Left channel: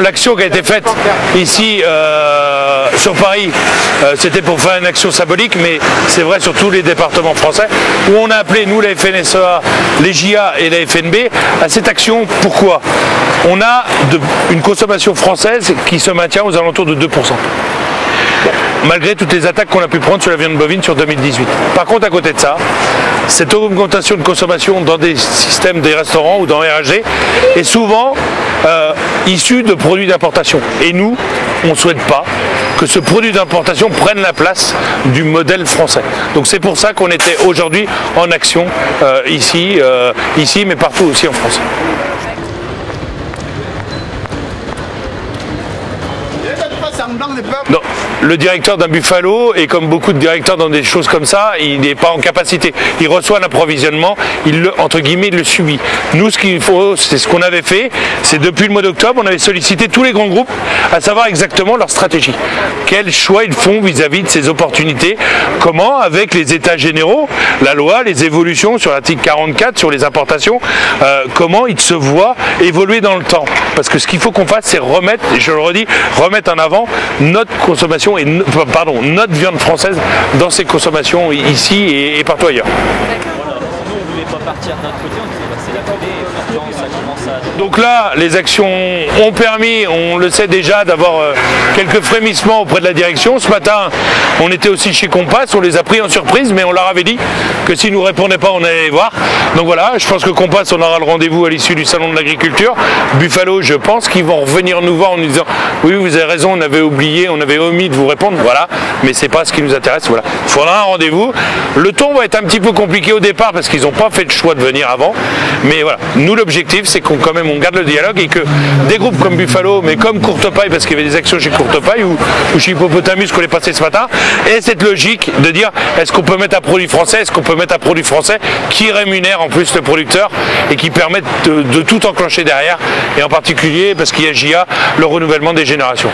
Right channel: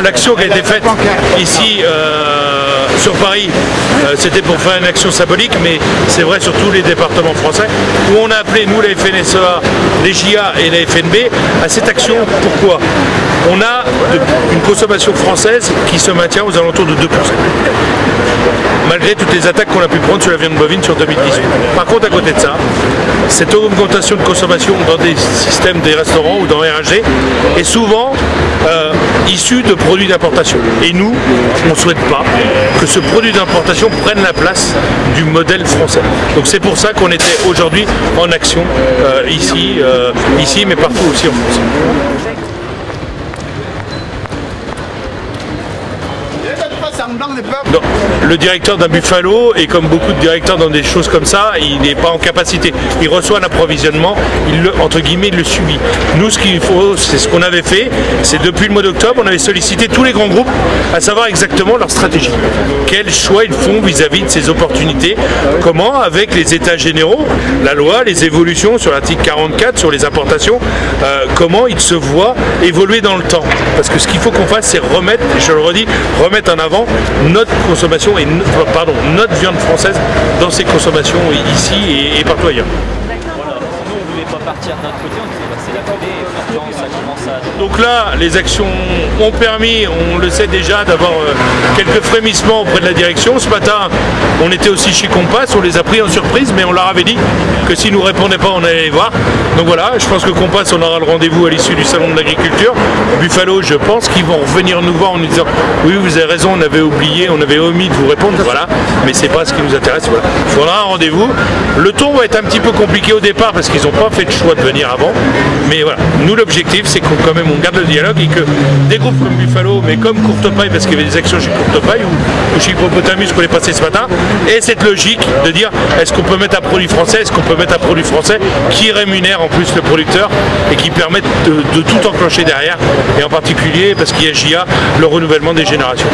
l'action qui a été faite ici sur Paris, c'était pour faire une action symbolique, mais c'est vrai sur tous les départements français, où on a appelé, nous, la FNSEA, les JA et la FNB, à cette action. Pourquoi? On a une consommation française qui se maintient aux alentours de 2%. Malgré toutes les attaques qu'on a pu prendre sur la viande bovine sur 2018. Par contre, à côté de ça, cette augmentation de consommation dans des systèmes des restaurants ou dans RAG est souvent issue de produits d'importation. Et nous, on ne souhaite pas que ce produit d'importation prenne la place du modèle français. Donc c'est pour ça qu'on était aujourd'hui en action ici, mais partout aussi en France. Non, le directeur d'un Buffalo, et comme beaucoup de directeurs dans des choses comme ça, il n'est pas en capacité. Il reçoit l'approvisionnement, entre guillemets, il le subit. Nous, ce qu'il faut, c'est ce qu'on avait fait, c'est depuis le mois d'octobre, on avait sollicité tous les grands groupes à savoir exactement leur stratégie. Quel choix ils font vis-à-vis de ces opportunités, comment, avec les états généraux, la loi, les évolutions sur l'article 44, sur les importations, comment ils se voient évoluer dans le temps. Parce que ce qu'il faut qu'on fasse, c'est remettre, et je le redis, remettre en avant notre consommation et notre viande française dans ses consommations ici et partout ailleurs. Voilà. Nous, on ne voulait pas partir d'un côté, on disait c'est la folie, maintenant ça commence à... Donc là, les actions ont permis, on le sait déjà, d'avoir quelques frémissements auprès de la direction. Ce matin, on était aussi chez Compass, on les a pris en surprise, mais on leur avait dit que s'ils ne nous répondaient pas, on allait les voir. Donc voilà, je pense que Compass, on aura le rendez-vous à l'issue du salon de l'agriculture. Buffalo, je pense qu'ils vont revenir nous voir en nous disant oui, vous avez raison, on avait oublié, on avait omis de vous répondre, voilà, mais c'est pas ce qui nous intéresse, voilà. Il faudra un rendez-vous. Le ton va être un petit peu compliqué au départ parce qu'ils n'ont pas fait le choix de venir avant, mais voilà, nous l'objectif c'est qu'on quand même on garde le dialogue et que des groupes comme Buffalo, mais comme Courtepaille, parce qu'il y avait des actions chez Courtepaille ou chez Hippopotamus qu'on est passé ce matin, et cette logique de dire est-ce qu'on peut mettre un produit français, est-ce qu'on peut mettre un produit français qui rémunère en plus le producteur et qui permette de tout enclencher derrière, et en particulier parce qu'il y a JA, le renouvellement des générations.